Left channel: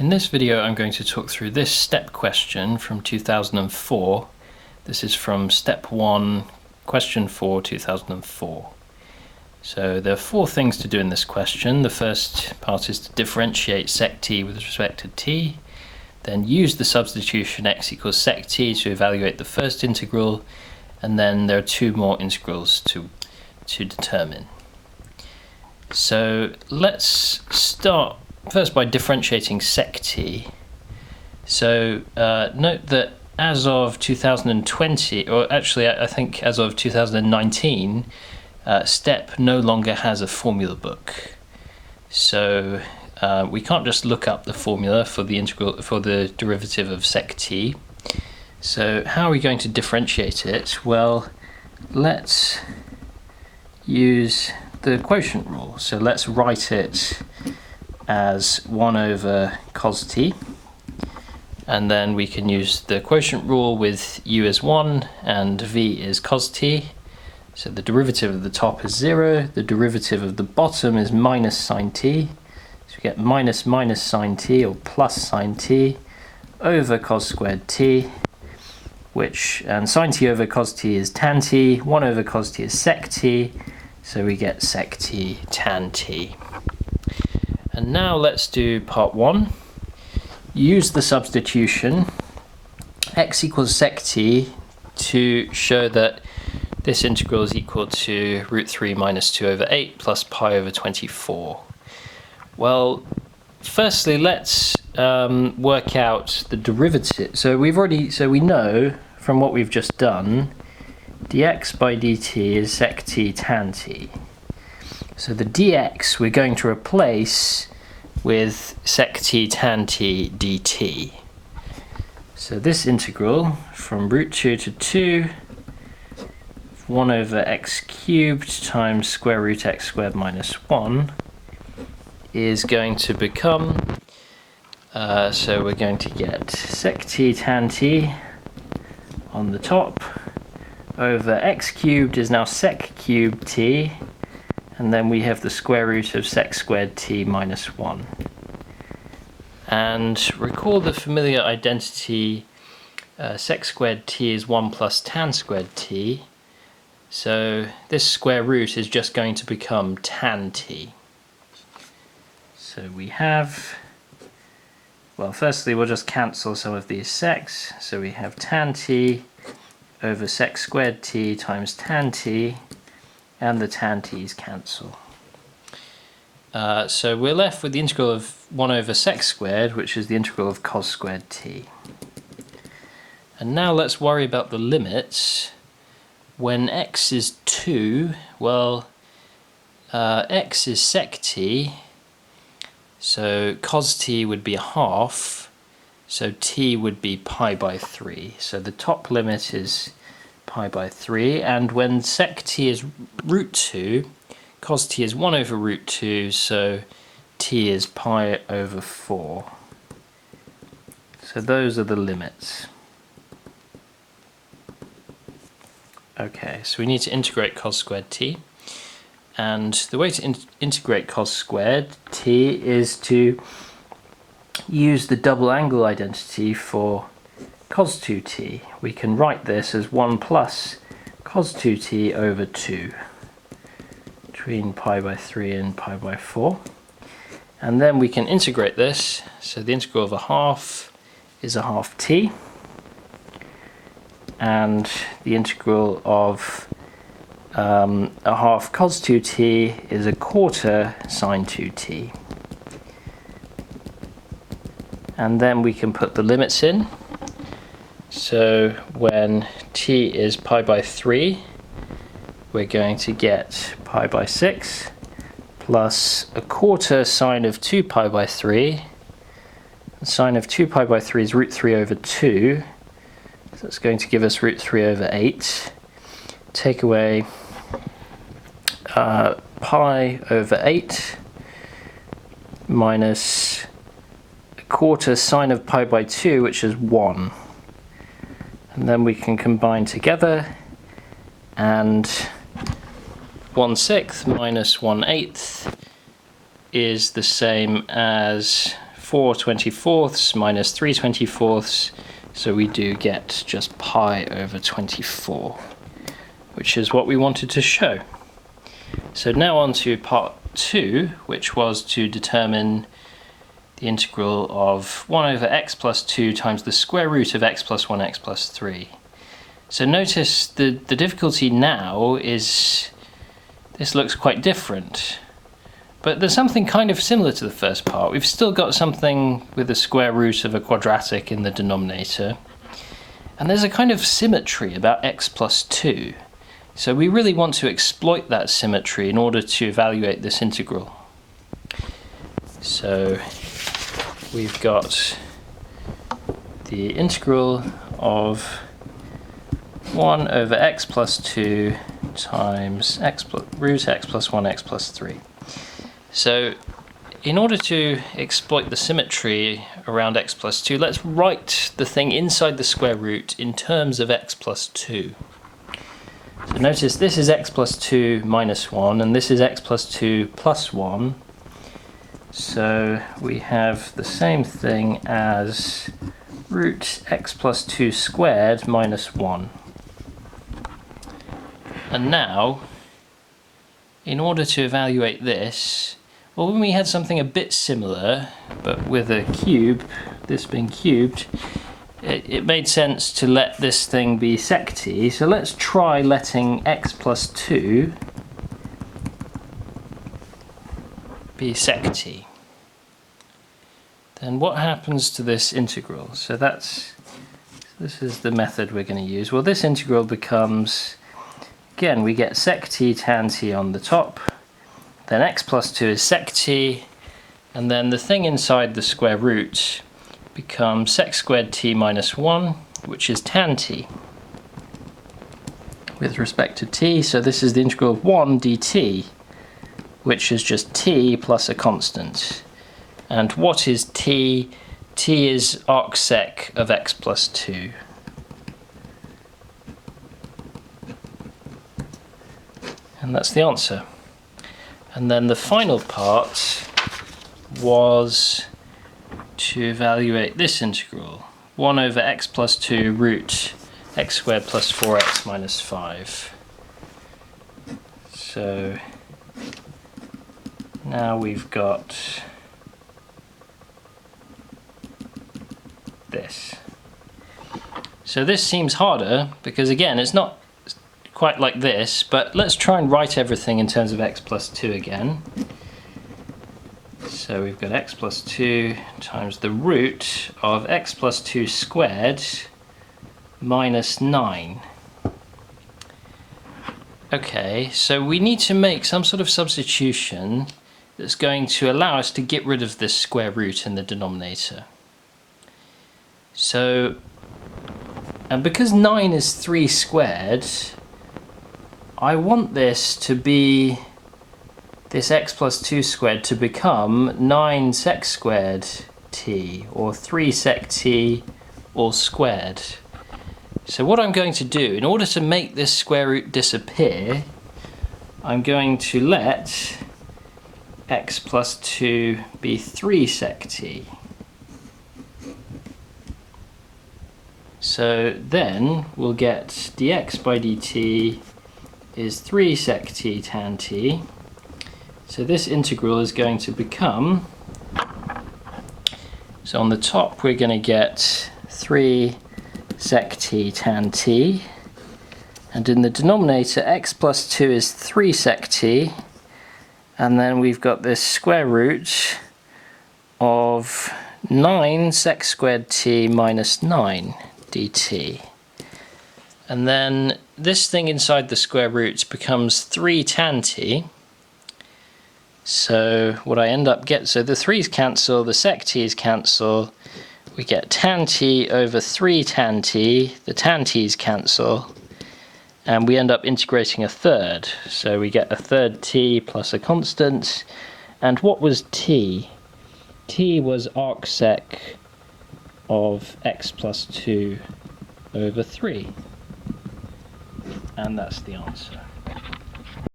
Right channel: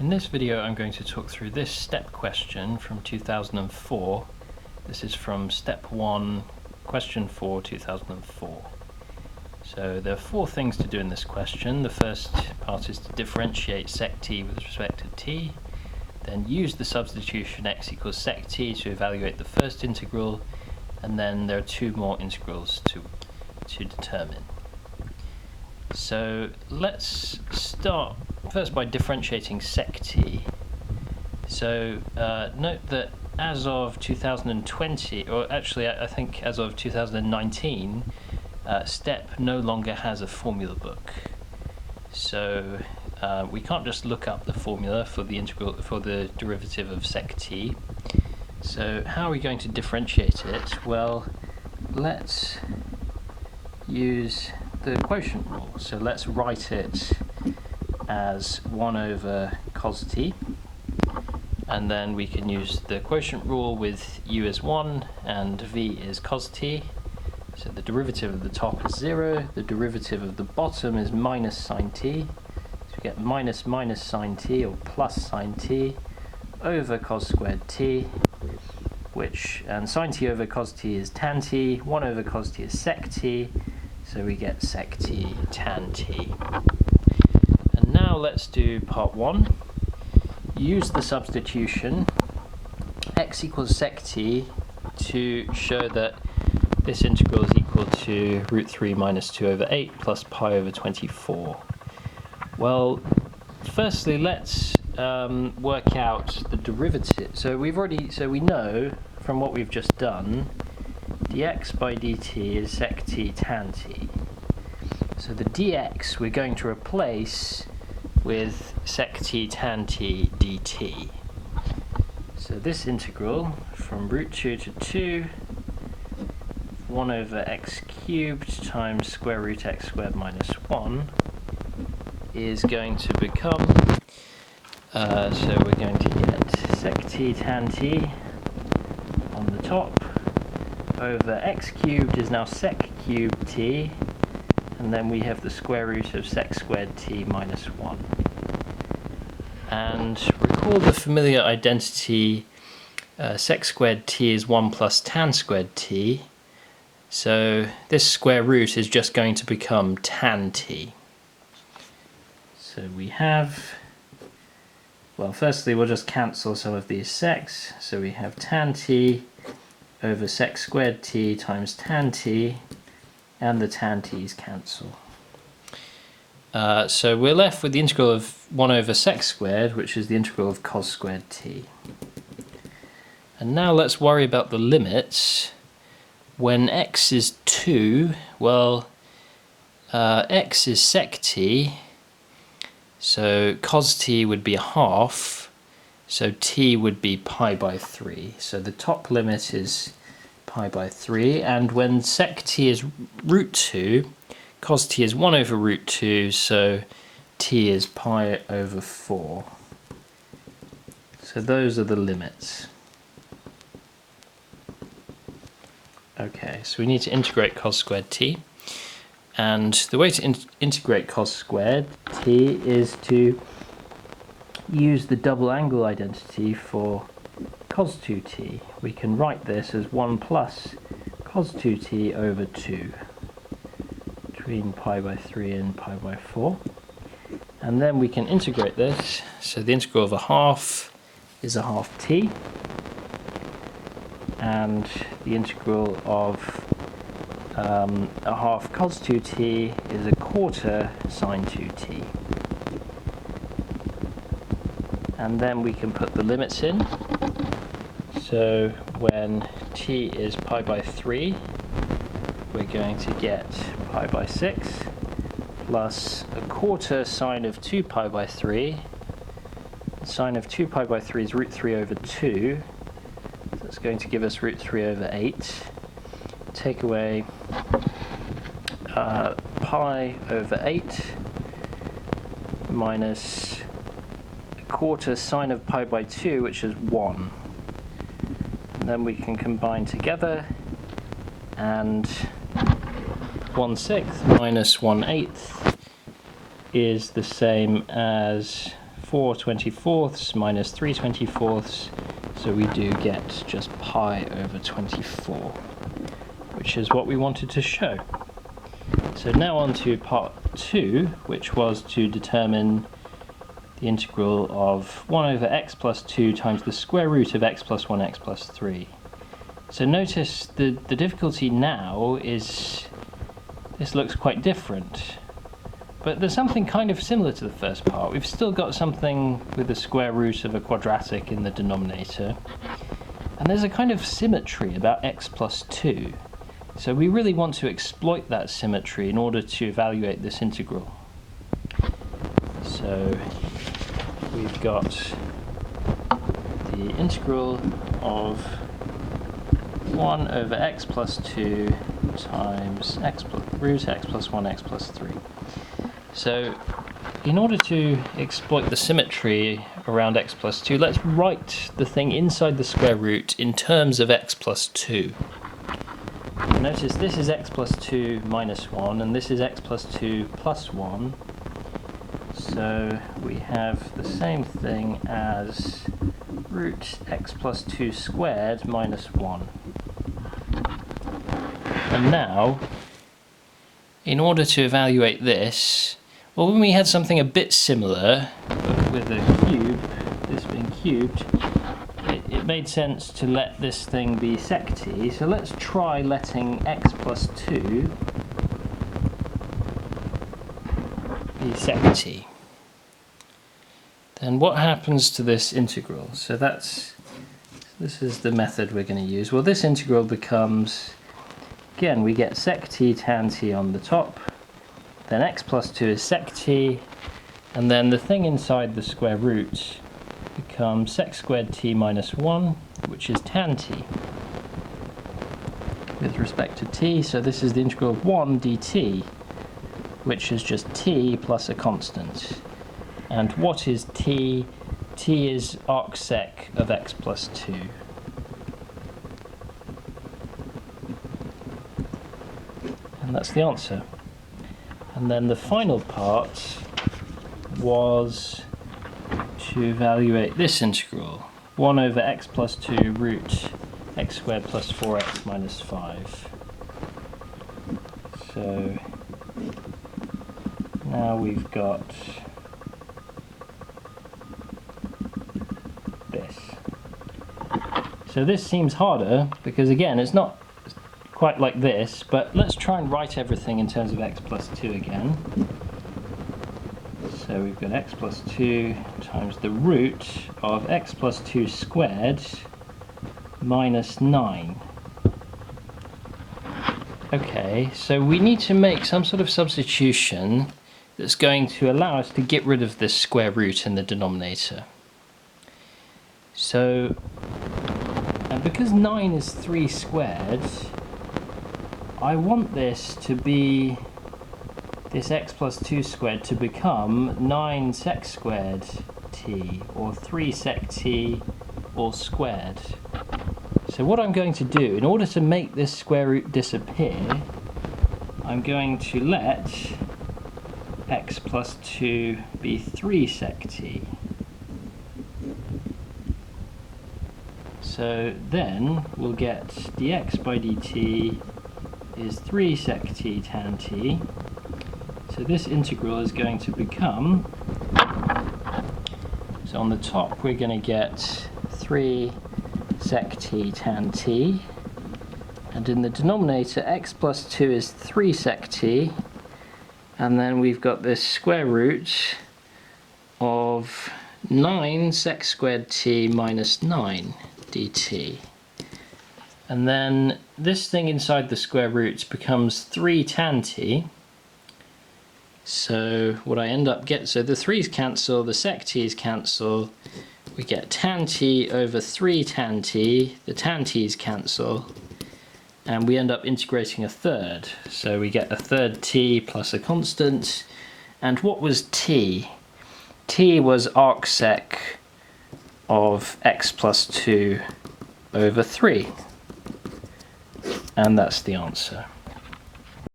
In this video I'm going to talk through this STEP question from 2004. This is from Step 1, question 4, 2004. So there are four things to do in this question. The first part is to differentiate sec t with respect to t, then use the substitution x equals sec t to evaluate the first integral, and then there are two more integrals to determine. So let's start first by differentiating sec t. So note that as of 2020, or actually I think as of 2019, STEP no longer has a formula book. So we can't just look up the formula for the derivative of sec t. So how are we going to differentiate it? Well, let's use the quotient rule. So let's write it as 1 over cos t, and then we can use the quotient rule with u as 1 and v is cos t. So the derivative of the top is 0, the derivative of the bottom is minus sine t, so we get minus sine t or plus sine t over cos squared t, and sine t over cos t is tan t, 1 over cos t is sec t, so we get sec t tan t. And now let's do part 1. Use the substitution x equals sec t to show that this integral is equal to root 3 minus 2 over 8 plus pi over 24. Well, firstly let's work out the derivative. So we know from what we've just done, dx by dt is sec t tan t. So the dx we're going to replace with sec t tan t dt. So this integral from root 2 to 2, 1 over x cubed times square root x squared minus 1 is going to become, so we're going to get sec t tan t on the top over x cubed is now sec cubed t, and then we have the square root of sec squared t minus 1. And recall the familiar identity, sec squared t is 1 plus tan squared t, so this square root is just going to become tan t. So we have, well, firstly we'll just cancel some of these secs, so we have tan t over sec squared t times tan t, and the tan t's cancel. So we're left with the integral of 1 over sec squared, which is the integral of cos squared t. And now let's worry about the limits. When x is 2, well, x is sec t, so cos t would be a half, so t would be pi by 3. So the top limit is pi by 3, and when sec t is root 2, cos t is 1 over root 2, so t is pi over 4. So those are the limits. Okay, so we need to integrate cos squared t, and the way to integrate cos squared t is to use the double angle identity for cos 2t. We can write this as 1 plus cos 2t over 2 between pi by 3 and pi by 4. And then we can integrate this, so the integral of a half is a half t, and the integral of a half cos 2t is a quarter sine 2t. And then we can put the limits in. So when t is pi by 3, we're going to get pi by 6 plus a quarter sine of 2 pi by 3. The sine of 2 pi by 3 is root 3 over 2. So that's going to give us root 3 over 8. Take away pi over 8 minus a quarter sine of pi by 2, which is 1. And then we can combine together, and 1/6 minus 1/8 is the same as 4/24 minus 3/24, so we do get just pi over 24, which is what we wanted to show. So now on to part 2, which was to determine the integral of 1 over x plus 2 times the square root of x plus 1 x plus 3. So notice the difficulty now is this looks quite different, but there's something kind of similar to the first part. We've still got something with the square root of a quadratic in the denominator, and there's a kind of symmetry about x plus 2. So we really want to exploit that symmetry in order to evaluate this integral. So we've got the integral of 1 over x plus 2 times root x plus 1 x plus 3. So in order to exploit the symmetry around x plus 2, let's write the thing inside the square root in terms of x plus 2. Notice this is x plus 2 minus 1, and this is x plus 2 plus 1. So we have the same thing as root x plus 2 squared minus 1. And now, in order to evaluate this, well, when we had something a bit similar, but with a cube, this being cubed, it made sense to let this thing be sec t. So let's try letting x plus 2 be sec t. Then what happens to this integral? So this is the method we're going to use. Well, this integral becomes, again, we get sec t tan t on the top, then x plus 2 is sec t, and then the thing inside the square root becomes sec squared t minus 1, which is tan t with respect to t. So this is the integral of 1 dt, which is just t plus a constant. And what is t? T is arcsec of x plus 2. And that's the answer. And then the final part was to evaluate this integral, 1 over x plus 2 root x squared plus 4x minus 5. So now we've got this. So this seems harder because, again, it's not quite like this, but let's try and write everything in terms of x plus 2 again. So we've got x plus 2 times the root of x plus 2 squared minus 9. Okay, so we need to make some sort of substitution that's going to allow us to get rid of this square root in the denominator. So, and because 9 is 3 squared, I want this to be, this x plus 2 squared to become 9 sec squared t, or 3 sec t all squared. So what I'm going to do, in order to make this square root disappear, I'm going to let x plus 2 be 3 sec t. So then we'll get dx by dt is 3 sec t tan t. So this integral is going to become, so on the top we're going to get 3 sec t tan t, and in the denominator x plus 2 is 3 sec t, and then we've got this square root of 9 sec squared t minus 9 dt. And then this thing inside the square root becomes 3 tan t. So what I end up so the 3's cancel, the sec t's cancel, we get tan t over 3 tan t, the tan t's cancel, and we end up integrating a third. So we get a third t plus a constant, and what was t? T was arcsec of x plus 2 over 3. And that's the answer.